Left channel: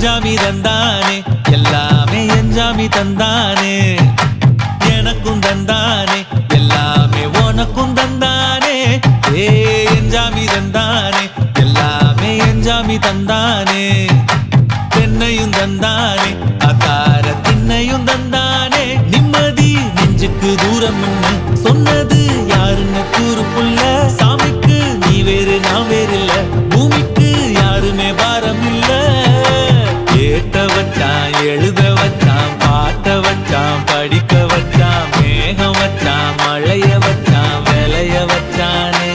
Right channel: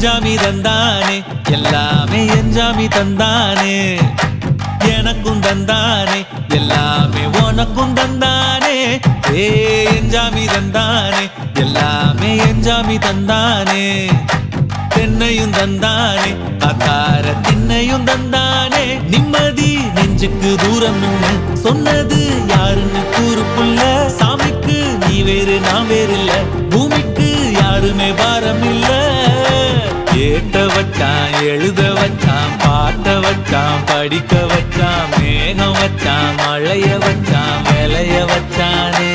எஞ்சாமி தந்தானே எல்லாமே எஞ்சாமி தந்தானே எனக்கும் தந்தானே எல்லாமே உனக்கும் தந்தானே எஞ்சாமி தந்தானே எல்லாமே எஞ்சாமி தந்தானே தென்னையும் தந்தானே அக்கார திண்ணையும் தந்தானே நிம்மதி நெஞ்சுக்கு தூரம்னு சொன்னது யாருன்னு கூறு புள்ள சாமிக்கு நீ வேறு நான் வேறு இல்ல பூமிக்கு யாருமே பாரம் இல்ல ஏத்த வச்சான் எழுத வச்சான் பாட்ட வச்சான் படிக்க வச்சான் மேகம் வச்சான் மழைய வச்சான் விளைய வச்சானே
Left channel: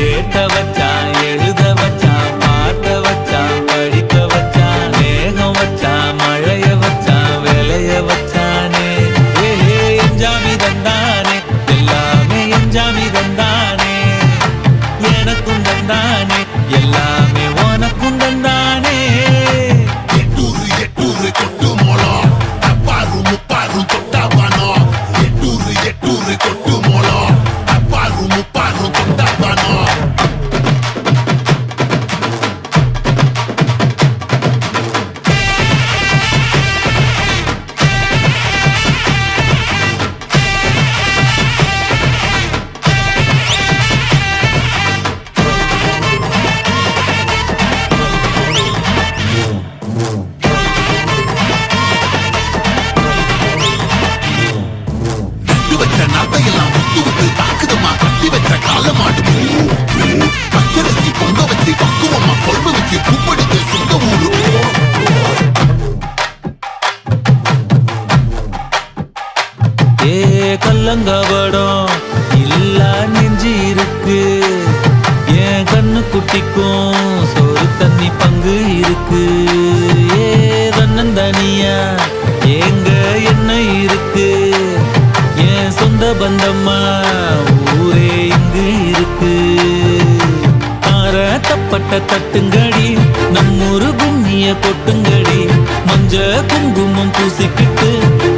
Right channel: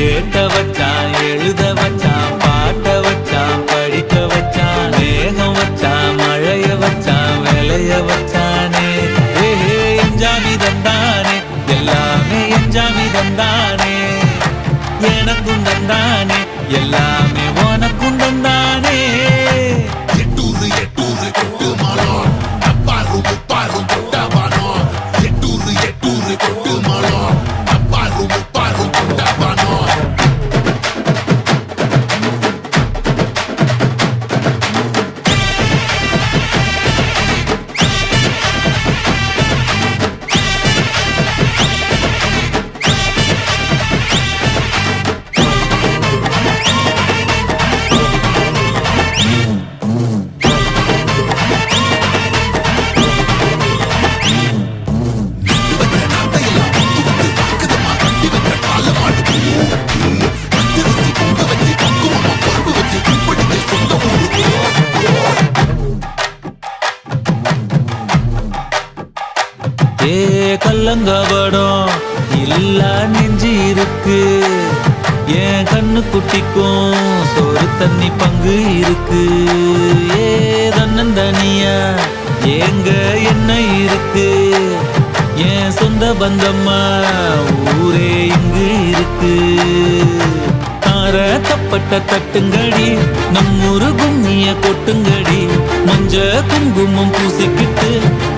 ஏத்த வச்சான் எழுத வச்சான் பாட்ட வச்சான் படிக்க வச்சான் மேகம் வச்சான் மழைய வச்சான் விளைய வச்சானே எஞ்சாமி தந்தானே எல்லாமே எஞ்சாமி தந்தானே எனக்கும் தந்தானே எல்லாமே உனக்கும் தந்தானே கல்லங்கபடம் இல்ல நெஞ்சு இருக்கு என் கண்ணு குட்டிக்கும் சோறு தண்ணி பங்கு இருக்கு தன்னந்தனியா ஏங்க என்ன இருக்கு என் சொந்த பந்தம்மா ஊரே இங்கு இருக்கு தார தப்பட்ட தட்டுங்கடி நம்மூரு கும்மிய கொட்டுங்கடி மஞ்ச குங்குமம் பூசிக்கிட்டு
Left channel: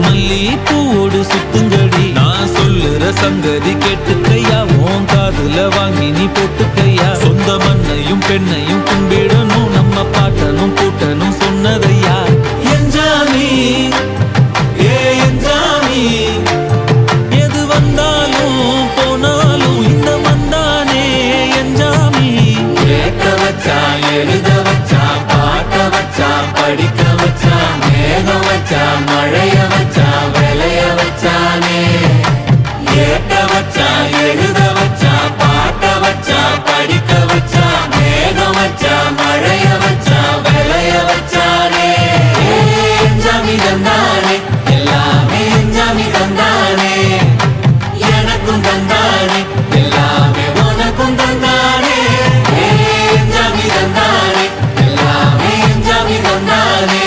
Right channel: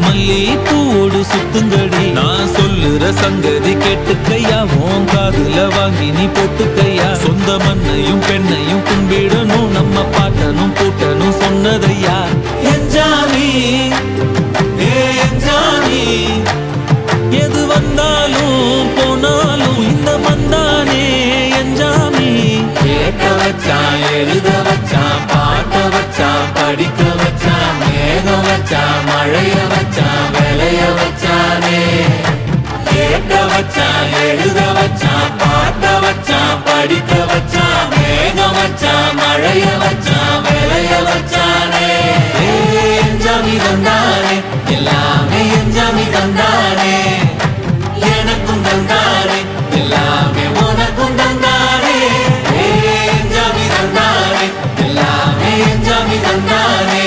மல்லி பூவோடு சுத்துங்கடி நான் சொல்லுற சங்கதி கேட்டுக்கையா உன் காதுல வாங்கி நீ போட்டுக்கையா சொந்த மண்ணையும் பெண்ணையும் கும்பிடணும் நம்ம பாட்டனும் பூட்டனும் சொன்னதையா எஞ்சாமி எஞ்சாமி எது வந்தாலும் போனாலும் இந்த மந்தானே எஞ்சாமி ஏத்த வச்சான் எழுத வச்சான் பாட்ட வச்சான் படிக்க வச்சான் மேகம் வச்சான் மழைய வச்சான் விளைய வச்சானே ஏத்த வச்சான் எழுத வச்சான் பாட்ட வச்சான் படிக்க வச்சான் மேகம் வச்சான் மழைய வச்சான் விளைய வச்சானே எஞ்சாமி தந்தானே எல்லாமே எஞ்சாமி தந்தானே எனக்கும் தந்தானே எல்லாமே உனக்கும் தந்தானே எஞ்சாமி தந்தானே எல்லாமே எஞ்சாமி தந்தானே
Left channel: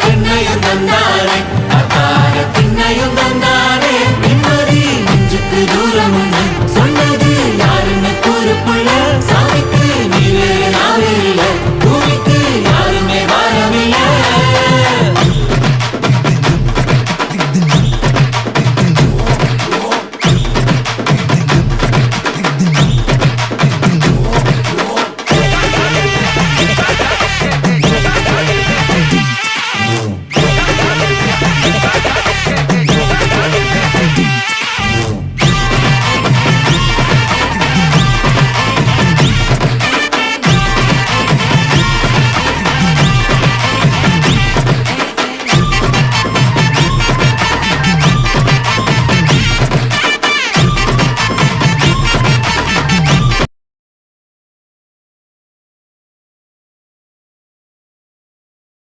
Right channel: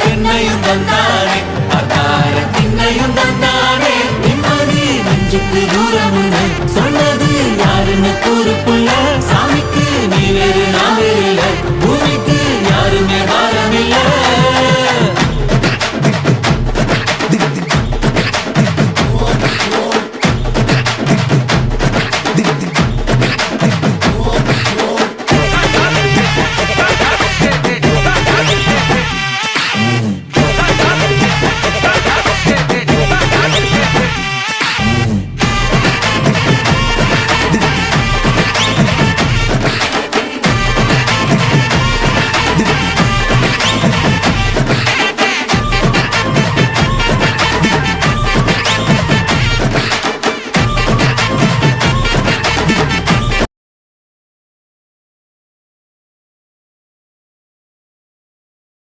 தென்னையும் தந்தானே அக்கார திண்ணையும் தந்தானே நிம்மதி நெஞ்சுக்கு தூரம் சொன்னது யாருன்னு கூறு புள்ள